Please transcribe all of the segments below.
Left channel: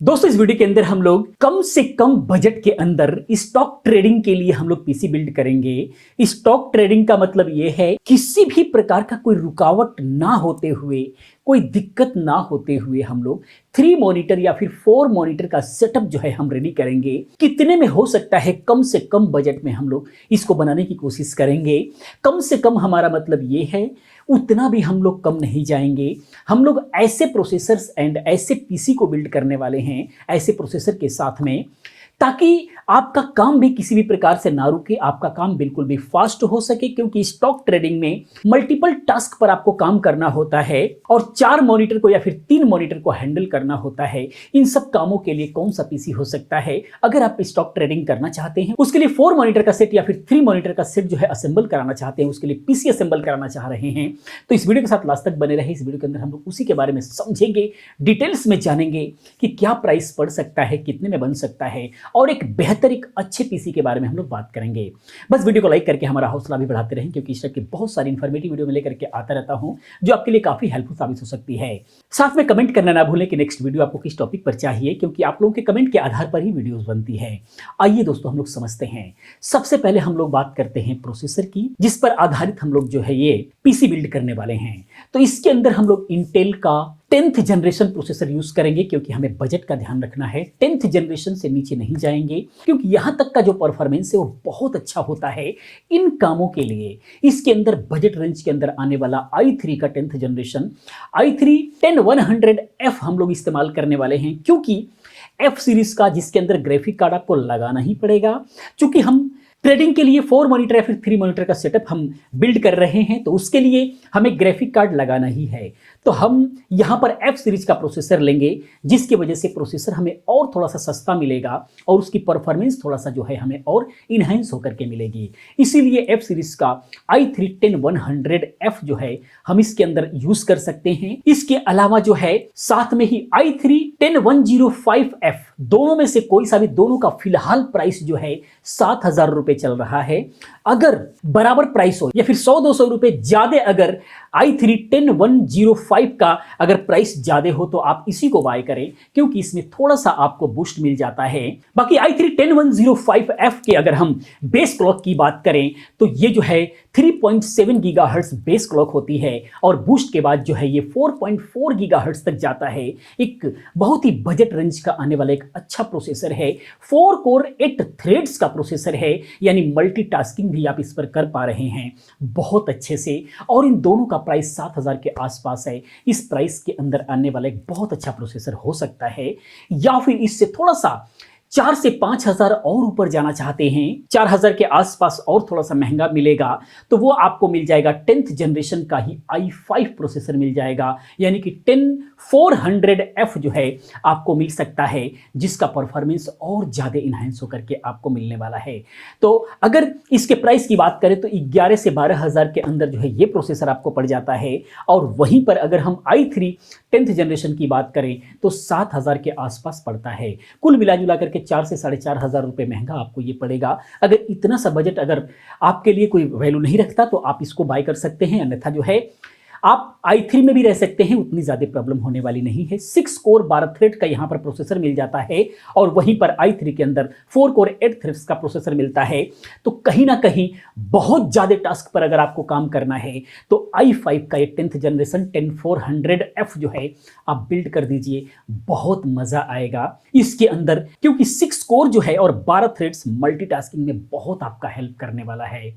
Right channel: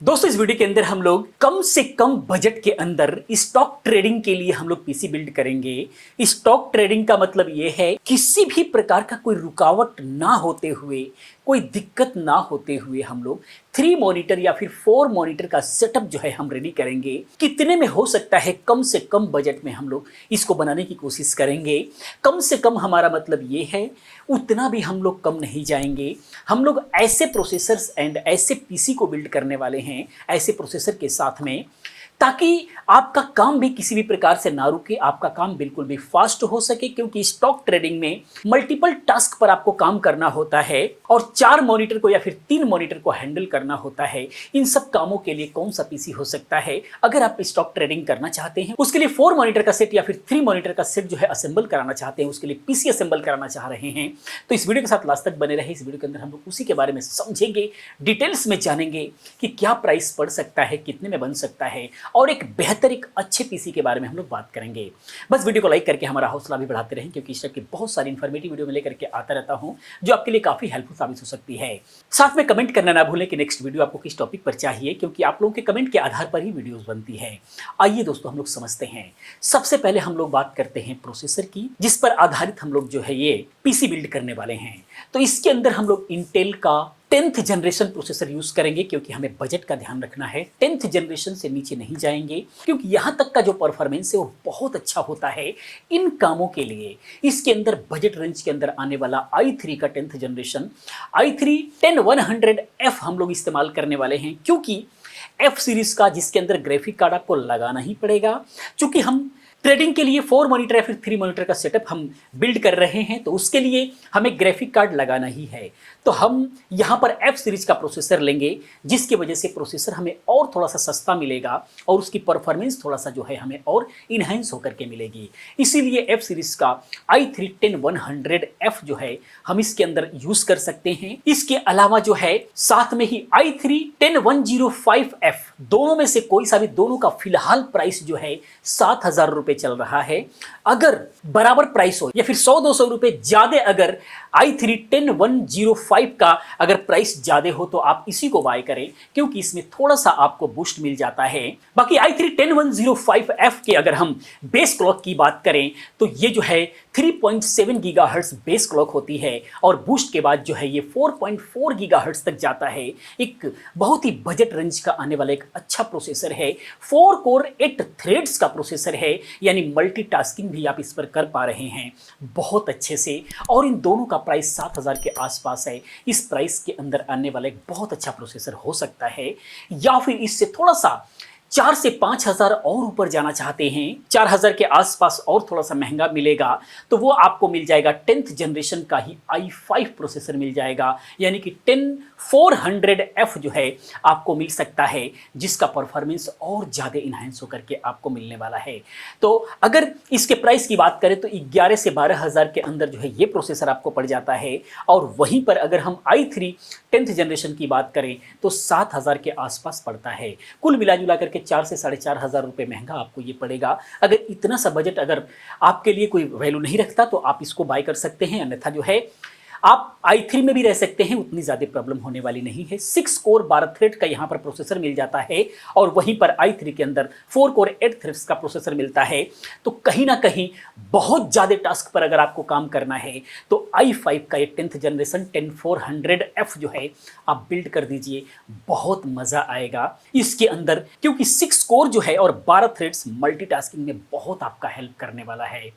दोस्तों इस वीडियो के अंदर हम लोग कम से कम बजट के अंदर स्टॉक ट्रेडिंग के लिए हम लोग पीसी बिल्ड करेंगे। स्टॉक ट्रेडिंग का मतलब यह है किसी भी प्रकार का कोई रुकावट ना होते हुए, कोई दिक्कत ना होते हुए हम लोग 3 मॉनिटर या फिर 4 मॉनिटर का सेटअप जो है हम रेडी करेंगे। कितने में हो सकता है, कम से कम बजट में हम लोग इसको बनाने की कोशिश करेंगे। कम से कम हमारा मतलब ये है, उतना भी हम लोग कम नहीं जाएंगे। हम लोग ऐसे प्रोसेसर्स एंड ऐसे पीसी को बिल्ड करने वाले हैं, ऐसे प्रोसेसर के साथ में, ताकि आपका काम भी किसी भी प्रकार से ना रुके, आपका काम बिल्कुल भी फास्ट हो सके। क्योंकि स्टॉक ट्रेडिंग में मल्टीपल टास्क पर आपको काम करना होता है और 4 मॉनिटर को या फिर 3 मॉनिटर को हैंडल करना होता है। इन सब कामों के लिए कौन सा पीसी हो सकता है? अगर आप स्टॉक ट्रेडिंग करना चाहते हैं, उसके लिए 4 मॉनिटर का सेट या फिर 3 मॉनिटर का सेट जो है असेंबल कराना चाहते हैं, उसके लिए पीसी असेंबल कराना चाह रहे हैं, तो इस वीडियो के साथ लास्ट तक बने रहे। इस वीडियो के अंदर हम लोग उसी के बारे में समझेंगे, डिटेल्स में जानेंगे कि क्या प्राइस पड़ सकता है, कितने में बन सकता है, और एक बेहतर एक अच्छे पीसी के बारे में हम लोग बात करेंगे। बस वीडियो को लाइक करके हमारा हौसला भी बढ़ाते रहें, क्योंकि इस टाइप की बहुत सारी इंफॉर्मेटिव वीडियो में लेकर के आता रहता हूं जो आपके लिए काफी हेल्पफुल साबित हो सकती है। साथ में कमेंट करना ना भूलें कि नेक्स्ट वीडियो आपको किस टॉपिक पर चाहिए, क्योंकि आप लोगों के कमेंट के आधार पर ही वीडियोस बनती है। आइए दोस्तों हम लोग समझते हैं। सबसे पहले हम लोग बात करते हैं प्रोसेसर की, जिस पर आधारित हम लोग जो है ये पीसी बिल्ड करने वाले हैं। तो इसके अंदर हम लोग इंटेल का 10th जनरेशन प्रोसेसर यूज करेंगे, क्योंकि हमें बजट का ध्यान रखना है। 10th जनरेशन से नीचे नहीं जाएंगे, क्योंकि यहां तक का जो परफॉर्मेंस है वो बहुत अच्छा होता है इन कामों के लिए। इसके अंदर बजट रेंज के अंदर आने वाला i3 का 10th जनरेशन i3 10100F हम लोग इस्तेमाल करने वाले हैं, क्योंकि F सीरीज का जिसके अंदर ग्राफिक कार्ड आपको लगाना ही पड़ेगा। चूंकि हम ट्रेडिंग के लिए 4 मॉनिटर या फिर 3 मॉनिटर का सेटअप हम बिल्ड कर रहे हैं, तो उसके लिए हमें ग्राफिक कार्ड लगाना ही है। तो हम यहां पर F सीरीज का प्रोसेसर लेंगे, जिसकी वजह से प्रोसेसर हमें और थोड़ा सा सस्ता मिलेगा और उसकी परफॉर्मेंस थोड़ा सा जो है हमें और इनहेंस होकर के मिलेगी। इसीलिए F सीरीज का i3 10100F जो है हम इसके अंदर यूज कर सकते हैं। इसके अलावा जो है साथ में ही i3 10105F, दोनों में से कोई सा भी, दोनों का फिलहाल प्राइस जो है 7,000 रुपए चल रहा है। अगर बराबर प्राइस हो या फिर 100-200 रुपए ज्यादा, अगर i3 10105 का अगर प्राइस ज्यादा हो तो आप इसी को बाय करें, क्योंकि इसमें थोड़ा सा आपको बूस्ट मिल जाता है। बाकी i3 10105F के अगर हम बेस क्लॉक की बात करें तो ये जो है 3.7 गीगाहर्ट्ज बेस क्लॉक होती है और बूस्ट के बाद जो है ये 4.4 गीगाहर्ट्ज तक जाता है। एक बहुत ही बजट रेंज का आने वाला एक अच्छा प्रोसेसर है। 4 कोर 8 थ्रेड्स का प्रोसेसर है, यानी मल्टीटास्किंग भी आप इस पर कर पा रहे हैं बहुत अच्छे से। और इन दोनों का प्राइस 7,000 के आसपास है। इस प्राइस के अंदर आने वाला एक बहुत अच्छा प्रोसेसर हो सकता है, या फिर इससे थोड़ा सा 4 से 5,000 और ऊपर जाना चाहते हैं, 4,000 के आसपास और थोड़ा सा महंगा मिलेगा, तो वो आपको मिल जाएगा 10th जनरेशन का ही i5 प्रोसेसर मिल जाएगा, यानी कि 10400F जो है आपको मिल सकता है, जिसका परफॉर्मेंस और ज़्यादा इनहेंस होकर के आपको मिलने वाला है। तो अगर इसके प्राइस की बात करें तो 11 से 12,000 के अंदर जो है ये प्रोसेसर आपको पड़ जाता है। और वहीं पर अगर हम i3 10th जनरेशन की बात करें तो 7,000 के आसपास पड़ता है। कुल मिला जुला करके 4 से 4,500 रुपए महंगा आपको ये पड़ेगा। अगर इतना सा बजट अगर आपके लिए कोई वैल्यू नहीं रखता तो आप इसको बाय कर सकते हैं, अन्यथा जो है आप i3 में भी रह सकते हैं, उतनी ज्यादा प्रॉब्लम होने वाली नहीं है। 6 कोर 12 थ्रेड का यहां पर प्रोसेसर मिल जाता है और वहीं पर i3 के अंदर 4 कोर 8 थ्रेड्स का प्रोसेसर मिलता है। तो कहीं ना कहीं बहुत ज्यादा टास्क पर अगर आपको काम करना है तो i5 का ये 10th जनरेशन 10400F जो है आप बिल्ड कर दीजिए, बहुत मजा आएगा इसके अंदर, क्योंकि 6 कोर जो है और 12 थ्रेड्स मल्टीटास्किंग में बहुत आपका हेल्प करने वाला है।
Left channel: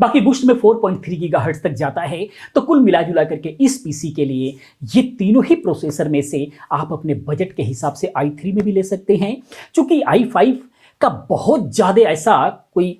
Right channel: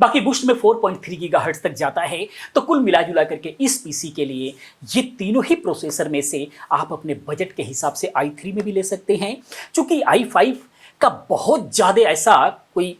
बाकी बूस्ट में 4.3 गीगाहर्ट्ज तक जाता है। तो कुल मिला जुला करके इस पीसी के लिए ये तीनों ही प्रोसेसर में से आप अपने बजट के हिसाब से i3 में भी ले सकते हैं, क्योंकि i5 का बहुत ज़्यादा ऐसा कोई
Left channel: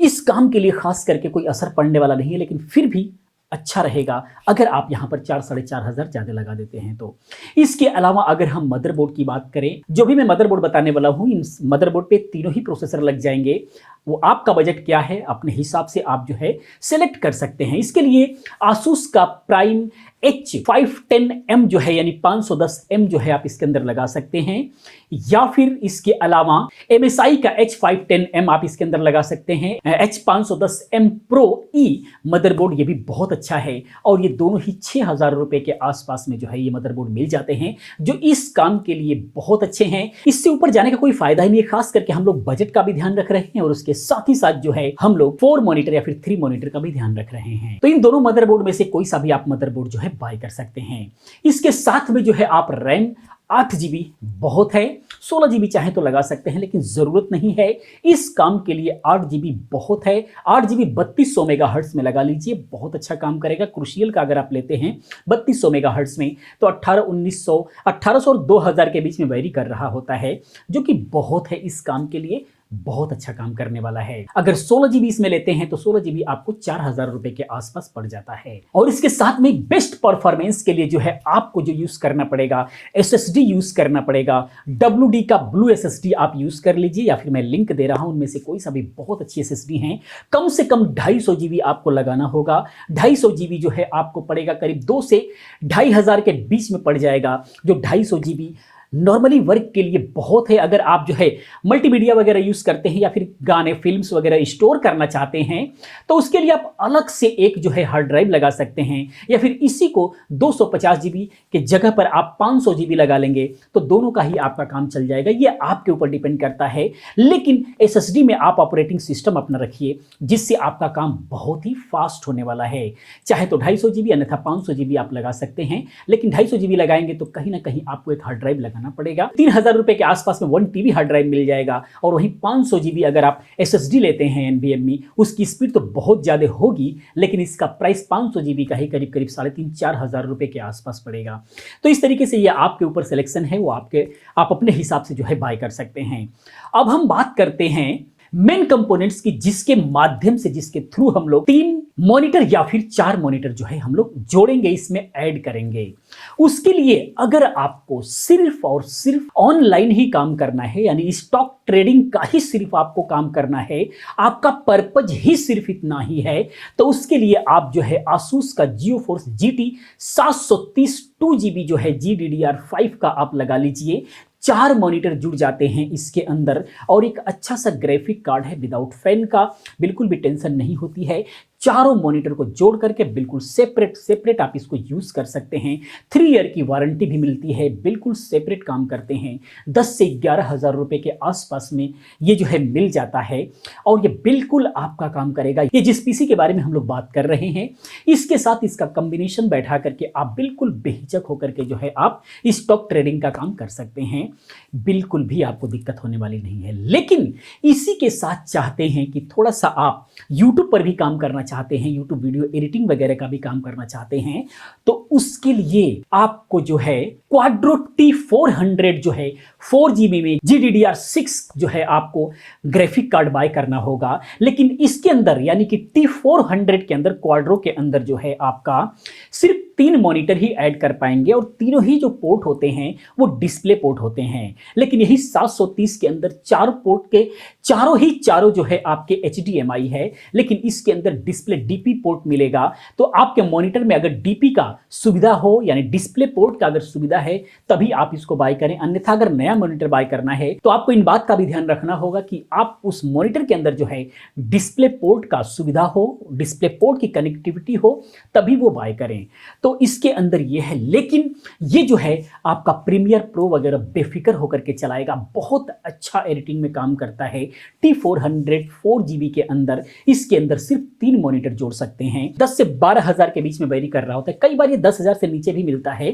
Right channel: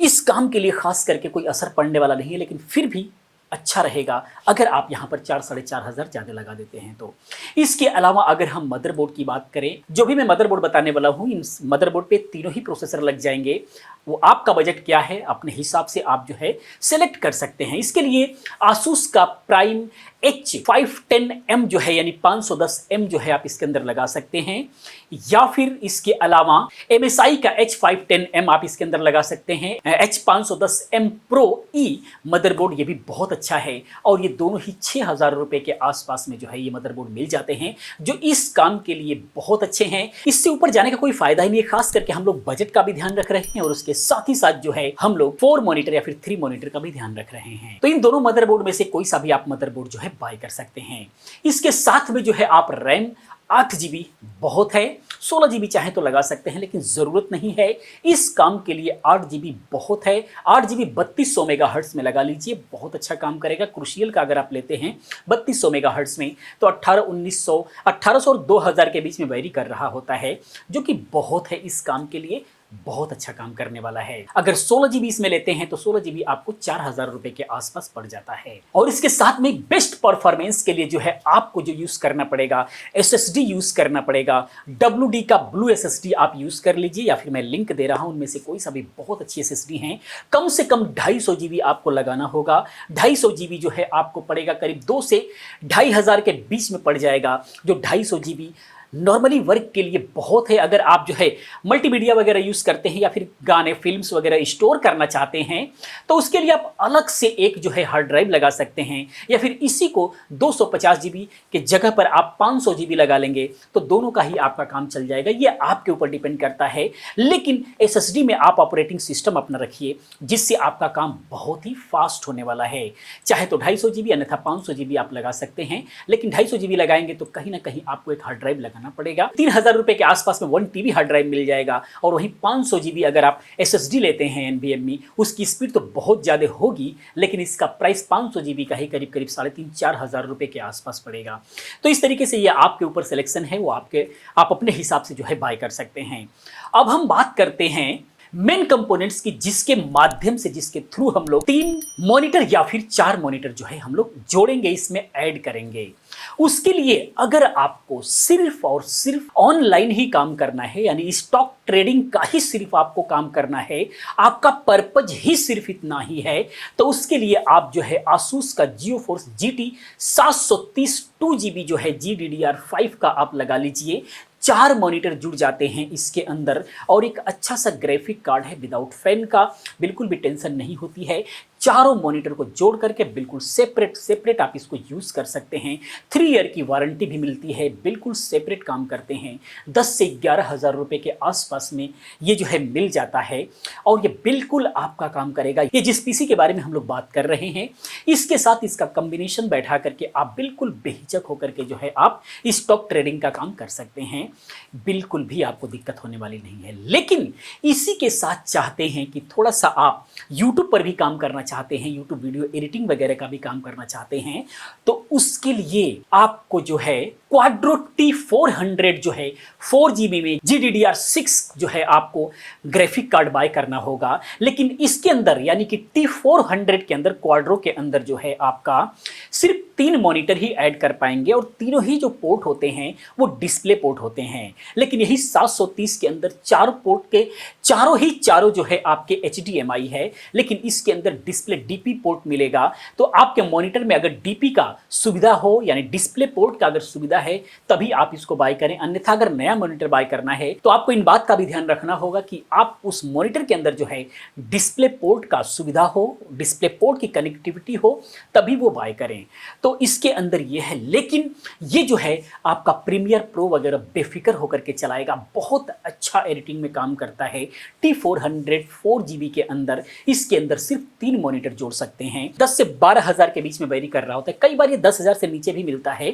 इस काम के लिए खास करके कोई असर पड़ने वाला नहीं है, लेकिन फिर भी अच्छा रहेगा अगर आप यहाँ पर 4-4,500 ज़्यादा लगा देते हैं तो। इसके अलावा अगर हम मदरबोर्ड की बात करें, जो भी मैं मदरबोर्ड बताने वाला हूँ, इन मदरबोर्ड पे तीनों ही प्रोसेसर लग जाएंगे। वो आपका बजट क्या है अपने हिसाब से आप जो है सेलेक्ट कर सकते हैं। इसके लिए आसूस का प्राइम H510M जो है यानी 510M जो है आप इसके अंदर लगा सकते हैं, या फिर इसके अलावा MSI का H510M आप इसके अंदर लगा सकते हैं। H510M Pro E मदरबोर्ड ये भी बहुत अच्छा है और ये दोनों ही 6,000 रुपए के आसपास में जो है ये मदरबोर्ड मिल जाते हैं, जो इस काम के लिए बहुत अच्छे हैं। इससे ऊपर जाने का कोई फायदा ही नहीं है, खास करके हम लोग बजट का भी ध्यान रख रहे हैं और उसके साथ ही साथ जो है हम लोग 4 मॉनिटर या फिर 3 मॉनिटर का भी ध्यान रख रहे हैं। तो इन दोनों मदरबोर्ड में से कोई सा भी आप मदरबोर्ड जो है बाय कर सकते हैं। इसके साथ में जो है आप रैम 8GB बहुत है, 16GB चाहे तो लगा सकते हैं, लेकिन जरूरत नहीं है। इस काम के लिए 8GB बहुत है। 8GB 3200 मेगाहर्ट्ज में लगा लीजिए, बहुत अच्छा काम करेगा। क्रूशियल का अगर आप लेते हैं 3200 मेगाहर्ट्ज में तो 1800 और 2000 के बीच में वेरी कर रहा होता है, जो कि बहुत है इस काम के लिए, बहुत अच्छा काम करने वाला है। अगर 16GB इसमें लेते हैं तो 16GB आपको 4,000 रुपए के आसपास पड़ जाता है। और इसके साथ में बेस्ट परफॉर्मेंस के लिए जो है आपको जो यूज करना पड़ेगा, SSD यूज करना पड़ेगा। WD का ब्लू SSD आप यूज कर लीजिए, या फिर मैं लिंक दे रहा हूं उनमें से कोई सा भी बहुत अच्छी SSD हैं। कम से कम 250GB आपको लगाना होगा। 250GB जो है आपको पड़ेगा करीब 2 से 2,500 के बीच में पड़ जाएगा, जो 250GB नॉर्मली वर्क के लिए बहुत है। अगर आप जो है मल्टीमीडिया वगैरह यूज करते हैं या फिर गाने फिल्म्स वगैरह स्टोर करना चाहते हैं तो उसके लिए आप अलग से एक जो है हार्ड ड्राइव लगा सकते हैं, या फिर इसी को 250GB के जगह पर आप 500GB लगा लेंगे तो दोनों का ही आपका काम चल जाएगा। ये आपके ऊपर डिपेंड करता है, लेकिन SSD में आप ऑपरेटिंग सिस्टम अपना रखिए जिससे आपका काम बहुत ही फास्ट होने वाला है। चाहे तो 250GB अन्यथा 500GB आप लगा सकते हैं, लेकिन 250GB लगाएंगे तो कहीं ना कहीं आपको एक हार्ड ड्राइव लगाना पड़ेगा। 3,000 रुपए के आसपास में 1TB हार्ड ड्राइव मिल जाएगा, और वहीं 500GB अगर आप SSD लेते हैं NVMe, उसकी स्पीड तो बहुत ज्यादा होगी, लेकिन इसका प्राइस 500GB का ही करीब 3,500-4,000 रुपए के आसपास पड़ेगा। तो इस तरीके से ये आपके ऊपर सिलेक्शन है, वो आप अपने हिसाब से जो है बाय कर सकते हैं। अब हम बात करते हैं मेन कंपोनेंट्स की, जिसके माध्यम से, जिसके थ्रू हम लोग 3 मॉनिटर या फिर 4 मॉनिटर जो है हम लोग जोड़ेंगे, इसमें ऐड करेंगे। उसके लिए अगर आपको सिर्फ और सिर्फ ऑनलाइन ही काम करना है, यानी स्टॉक ट्रेडिंग का ही सिर्फ आपको काम करना है, आपका पर्पज ही सिर्फ इतना ही है, तो उसके लिए आप जो है आसूस का GeForce GT 730 2GB जो है GDDR5 का आप लगा लीजिए। 4 मॉनिटर जुड़ जाते हैं इसके अंदर, और एक अच्छा सा ग्राफिक कार्ड है विदाउट फैन का, बिल्कुल भी टेंशन नहीं होती है। चारों मॉनिटर को जोड़ करके बिल्कुल सेपरेट आप इसको यूज कर सकते हैं। 3 ईयर की वारंटी भी मिलती है, बिल्कुल सेपरेट काम करते हैं। 10 से 11,000 रुपए के आसपास में ये जो है मिल जाता है, और ये बिल्कुल आपका काम करेगा। ये जिस पीसी के बारे में हम लोग बात कर रहे हैं, इसके साथ इसका कॉम्बिनेशन बैठा करके आप बिल्कुल बेहिचक होकर के जो है आप स्टॉक ट्रेडिंग का काम कर सकते हैं, बिल्कुल भी आपको दिक्कत होने वाली नहीं है। लेकिन इसी के साथ चाहते हैं कि थोड़ा सा आप यूट्यूब पर भी काम करना चाहते हैं, यूट्यूब वीडियो एडिटिंग वगैरह का भी काम करना चाहते हैं, तो उसके लिए आपको जो है क्वाड्रो T400 जो है 4GB में GDDR6 जो है आपको ग्राफिक कार्ड बाय करना होगा। लेकिन इसके अंदर यानी कि T400 के अंदर, क्वाड्रो के अंदर जो है आपका सिर्फ 3 मॉनिटर ही ऐड कर पाएंगे, और तीनों ही जो पोर्ट होते हैं वो डिस्प्ले पोर्ट होते हैं। लेकिन यही 730 के अंदर 4 पोर्ट के चारों जो है आपके HDMI है, लेकिन इसके अंदर डिस्प्ले DP पोर्ट मिलेगा। तो आपके मॉनिटर में अगर DP का सुविधा हो, यानी डिस्प्ले पोर्ट का अगर सुविधा है, तभी आप इसको बाय करें। अन्यथा अगर नया मॉनिटर बाय करना है तो आपको इन बात का भी ध्यान रखना होगा कि आप उस मॉनिटर के अंदर जो है डिस्प्ले पोर्ट का सुविधा हो, डिस्प्ले पोर्ट की कनेक्टिविटी हो, तभी वो बाय करें। तो इसके अंदर ये है, लेकिन ये जो है आपका प्रीमियर प्रो वगैरह बेफिक्र होकर के चलाएगा, बहुत अच्छा एडिटिंग में काम करता है। T400 4GB के अंदर, इसके अंदर सिर्फ 3 मॉनिटर जोड़ सकते हैं। 10 से 12,000 के बीच में वेरी कर रहा होता है, कई बार ये 10,000 से नीचे भी मिलता है।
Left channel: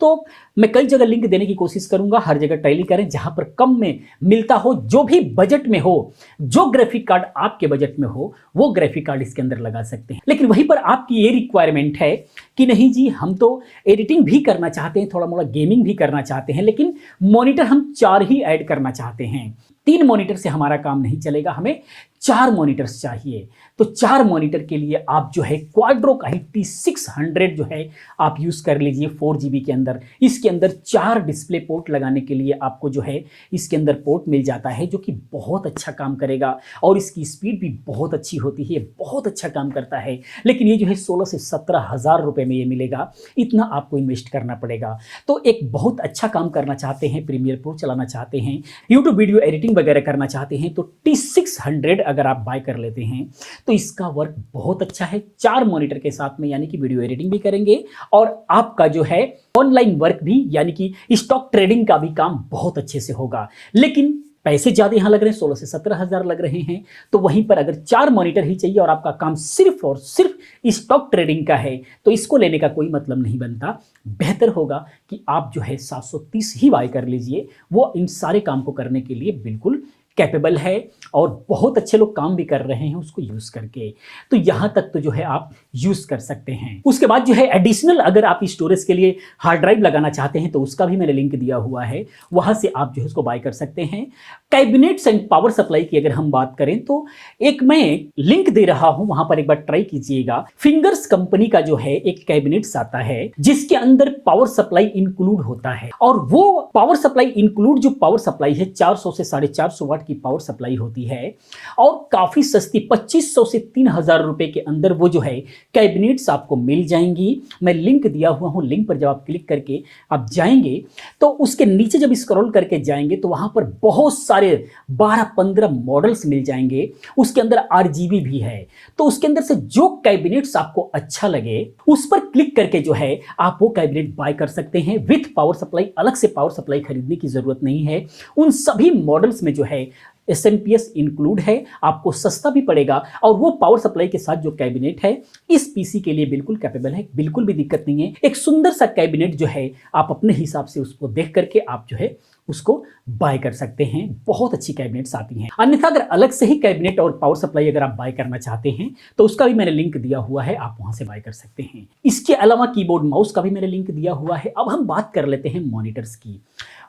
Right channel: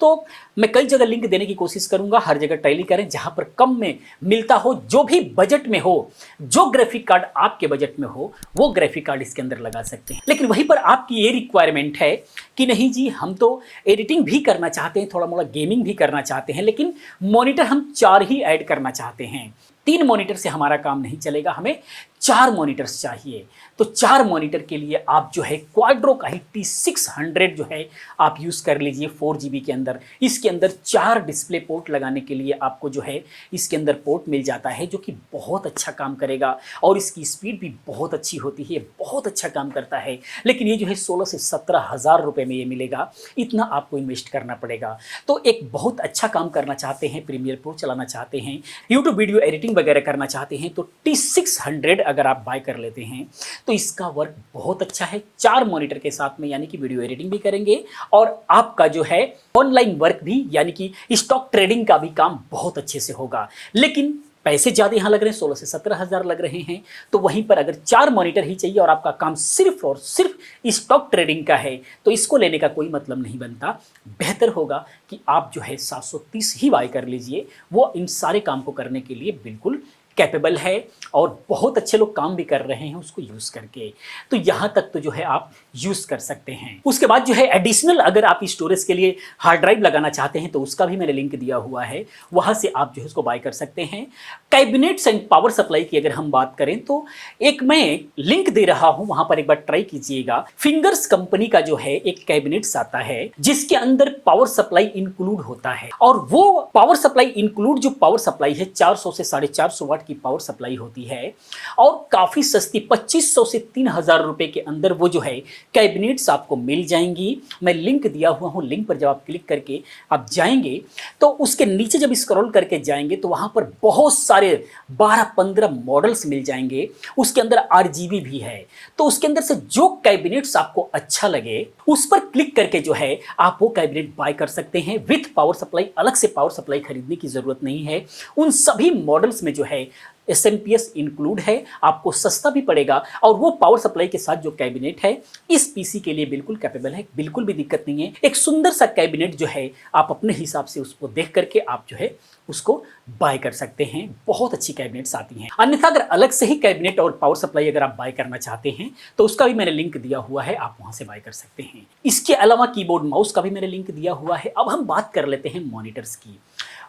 तो मैं कई जगह लिंक देने की कोशिश करूंगा, हर जगह टैली करें जहां पर कम में मिलता हो, जो भी बजट में हो, जो ग्राफिक कार्ड आपके बजट में हो, वो ग्राफिक कार्ड इसके अंदर लगा सकते हैं। लेकिन वहीं पर आपकी ये रिक्वायरमेंट है कि नहीं जी, हम तो एडिटिंग भी करना चाहते हैं, थोड़ा मोड़ा गेमिंग भी करना चाहते हैं, लेकिन मॉनिटर हम 4 ही ऐड करना चाहते हैं। 3 मॉनिटर से हमारा काम नहीं चलेगा, हमें 4 मॉनिटर्स चाहिए। तो तो 4 मॉनिटर के लिए आप जो है क्वाड्रो का ही T600 जो है आप यूज़ कर लीजिए 4 GB के अंदर। इसके अंदर 4 डिस्प्ले पोर्ट लगाने के लिए आपको जो है इसके अंदर पोर्ट मिल जाता है, जो कि बहुत अच्छा काम करेगा और इसकी स्पीड भी बहुत अच्छी होती है, बहुत अच्छा काम करता है। लेकिन ये जो है 16 से 17 हज़ार रुपये में ये मिलेगा, इतना आपको इन्वेस्ट करना पड़ेगा। तो एक बहुत अच्छा काम करना चाहते हैं, प्रीमियर प्रो चलाना चाहते हैं, यूट्यूब वीडियो एडिटिंग वगैरह करना चाहते हैं, तो T600 अगर आप बाय कर लेते हैं तो इसका वर्क बहुत अच्छा है 4 मॉनिटर के साथ में, यानी कि वीडियो एडिटिंग भी करेंगे और आपका जो है ऑनलाइन वर्क भी, यानी कि स्टॉक ट्रेडिंग का भी काम बहुत अच्छे से होगा। लेकिन पैसे ज़्यादा यहाँ लग रहे हैं, 16 से 17 हज़ार लग रहे हैं। तो वहीं पर अगर 4 मॉनिटर ही चाहिए और आपका काम सिर्फ और सिर्फ स्टॉक ट्रेडिंग का है, तो इसको लेने का कोई मतलब नहीं बनता। बेहतर होगा कि आप जो है 730 ही बाय कर लीजिए, वो इन सारे काम को करने के लिए बिल्कुल कैपेबल है और बहुत अच्छे लोग काम भी कर रहे हैं उसको यूज़ करके। तो यहाँ तक तो जो है आप यूज़ कर सकते हैं। उसके बाद जो है एडिशनल अगर आप स्टोरेज के लिए हार्ड ड्राइव लगाना चाहते हैं तो उसका भी मैंने लिंक दिया हुआ है, वहाँ से आप जो है उसको बाय कर सकते हैं। कैबिनेट्स एंड पावर सप्लाई की अगर हम बात करें तो एक मैं लिंक दे रहा हूँ, वहाँ पर एक बार ट्राई कीजिएगा। फिंगर्स कंपनी का जो है एक कैबिनेट्स आता है जिसके अंदर पावर सप्लाई इंक्लूड होता है, और वो पावर सप्लाई इंक्लूड जो पावर सप्लाई है 400 से 450 वाट की पावर सप्लाई होती है और काफी सस्ती 2500 से 3000 रुपए के अंदर वो जो है कैबिनेट्स आपको मिल जाएंगी। मैं लिंक दिया हुआ हूं, लिंक पर जब आप क्लिक करके आप जाएंगे तो उसके नीचे जब स्क्रॉल करके जाएंगे तो वहां पर बहुत सारे 12-15 मॉडल्स मिल जाएंगे। उसके अंदर RGB भी है, तो उसके अंदर से जो कैबिनेट्स आपको अच्छा लगे उस पर क्लिक करके जो है आप वो कैबिनेट बाय कर सकते हैं विथ पावर सप्लाई। अलग से पावर सप्लाई खरीदने की जरूरत नहीं है। उन सभी मॉडल्स में जो है SMPS इंक्लूड है, आपको सस्ता भी पड़ेगा और वो पावर सप्लाई के साथ जो कैबिनेट है इस पीसी के लिए बिल्कुल कैपेबल है, बिल्कुल भी दिक्कत नहीं है। एक सुंदर सा कैबिनेट जो है आप अपने हिसाब से उसको देख करके आप जो है उसको बाय कर सकते हैं। बहुत अच्छी कैबिनेट्स आती हैं। अन्यथा अगर अलग से ही कैबिनेट और पावर सप्लाई अगर आप बाय करना चाहते हैं तो उसका भी मैंने लिंक दिया हुआ है, आप वहां से बाय कर सकते हैं। इसके अलावा कीबोर्ड माउस का भी मैंने लिंक दिया हुआ है। अब हम बात कर लेते हैं मॉनिटर्स की।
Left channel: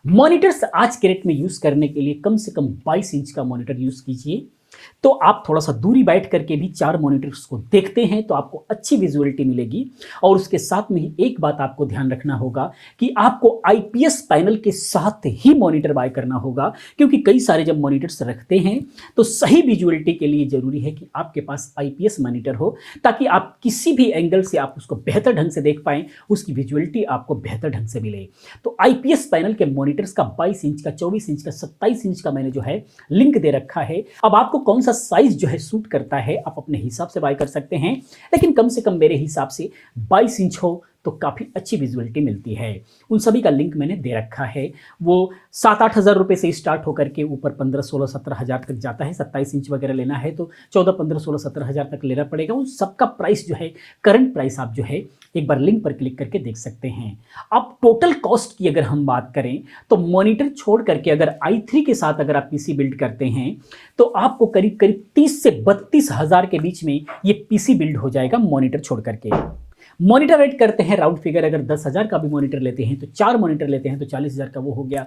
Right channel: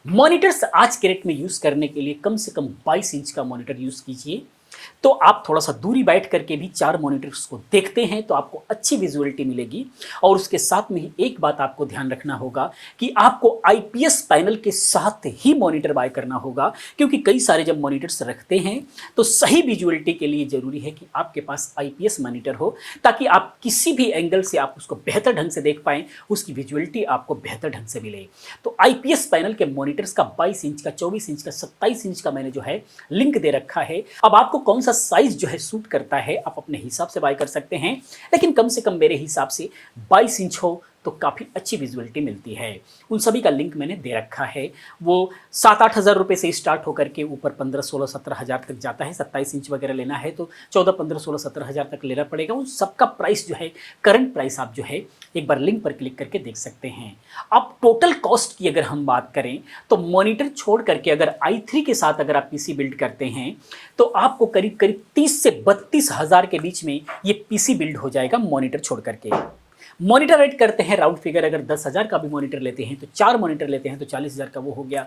मॉनिटर्स आज के रेट में यूज करने के लिए कम से कम 22 इंच का मॉनिटर यूज कीजिए, तो आप थोड़ा सा दूरी बैठ करके भी 4 मॉनिटर्स को देखते हैं तो आपको अच्छी विजुअलिटी मिलेगी। और उसके साथ में ही एक बात आपको ध्यान रखना होगा कि आपको IPS पैनल के साथ ही मॉनिटर बाय करना होगा, क्योंकि कई सारे जब मॉनिटर्स रखते हैं तो सही विजुअलिटी के लिए जरूरी है कि आपके पास IPS मॉनिटर हो, ताकि आप किसी भी एंगल से आप उसको बेहतर ढंग से देख पाएं, उसकी विजुअलिटी आपको बेहतर ढंग से मिले। तो IPS पैनल के मॉनिटर्स का 22 इंच का, 24 इंच का, 27 इंच का मैंने जो है लिंक दे रखा है। अब आपको कौन सा साइज जो है सूट करता है आप अपने हिसाब से बाय कर सकते हैं, लेकिन कम से कम मेरे हिसाब से 22 इंच हो तो काफ़ी अच्छी विजुअलिटी मिलती है। उन सभी का लिंक मैंने दे रखा है। वो 7-8 हज़ार रुपये से स्टार्ट होकर के ऊपर 15, 16, 17 हज़ार तक जाता है। 27 इंच वगैरह लेना है तो 14, 15, 16, 17 हज़ार तक लेना पड़ेगा। उन सबका प्राइस जो है, करंट प्राइस आप जो है एक बार लिंक पर क्लिक करके देख सकते हैं। अब टोटल कॉस्ट की अगर हम बात करें तो मॉनिटर छोड़ करके अगर i3 के साथ अगर आप पीसी बिल्ड करते हैं तो आपको करीब करीब 30 से 32 हज़ार के बीच में ये पीसी बिल्ड हो जाएगा मॉनिटर छोड़ करके। मॉनिटर रेट करते हैं राउंड फिगर, अगर 10 हज़ार का भी मॉनिटर लेते हैं तो 4 मॉनिटर लेते हैं तो 40 हज़ार का वो हो गया।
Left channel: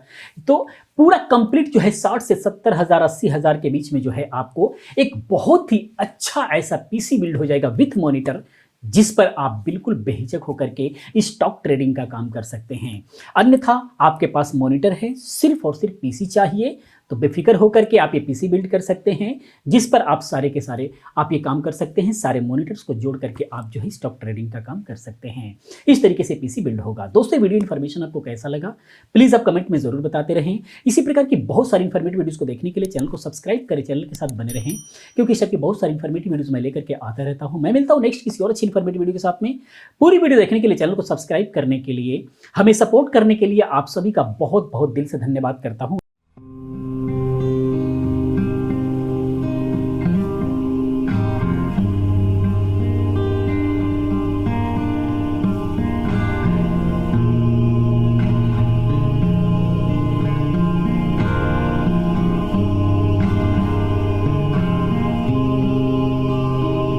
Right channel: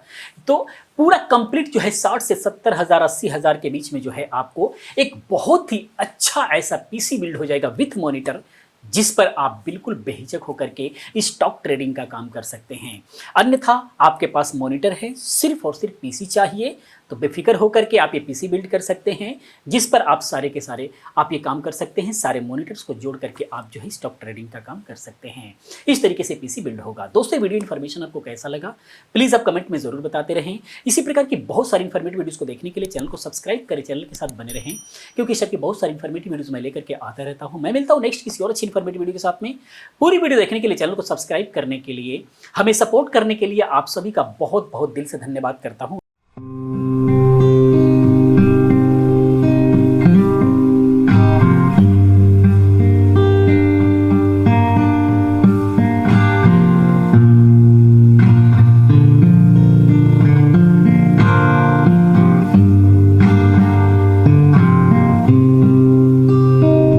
तो पूरा कंप्लीट जो है 60 से 70 हज़ार, 80 हज़ार के बीच में जो है आपको एक बहुत ही अच्छा ऐसा पीसी बिल्ड हो जाएगा विथ मॉनिटर, जिस पर आप बिल्कुल बेहिचक होकर के स्टॉक ट्रेडिंग का काम कर सकते हैं। अन्यथा आपके पास मॉनिटर है, सिर्फ और सिर्फ पीसी चाहिए, तो बेफिक्र होकर के आप ये पीसी बिल्ड कर सकते हैं, जिस पर आप सारे के सारे आप ये काम कर सकते हैं। सारे मॉनिटर्स को जोड़ करके आप जो है स्टॉक ट्रेडिंग का काम कर सकते हैं। इस तरीके से पीसी बिल्ड होगा। दोस्तों, वीडियो इन्फॉर्मेशन आपको कैसा लगा प्लीज़ आप कमेंट में जरूर बताते रहें। इसी प्रकार की बहुत सारी इन्फॉर्मेटिव वीडियोज़ को देखने के लिए चैनल को सब्सक्राइब करें, चैनल के साथ बने रहें, क्योंकि इस की बहुत सारी इन्फॉर्मेटिव वीडियोज़ मैं लेकर के आता रहता हूँ। मैं मिलता हूँ नेक्स्ट किसी और अच्छी इन्फॉर्मेटिव वीडियो के साथ में। पूरी वीडियो देखने के लिए, चैनल को सब्सक्राइब करने के लिए, हमें सपोर्ट करने के लिए आप सभी का बहुत बहुत दिल से धन्यवाद करता हूँ।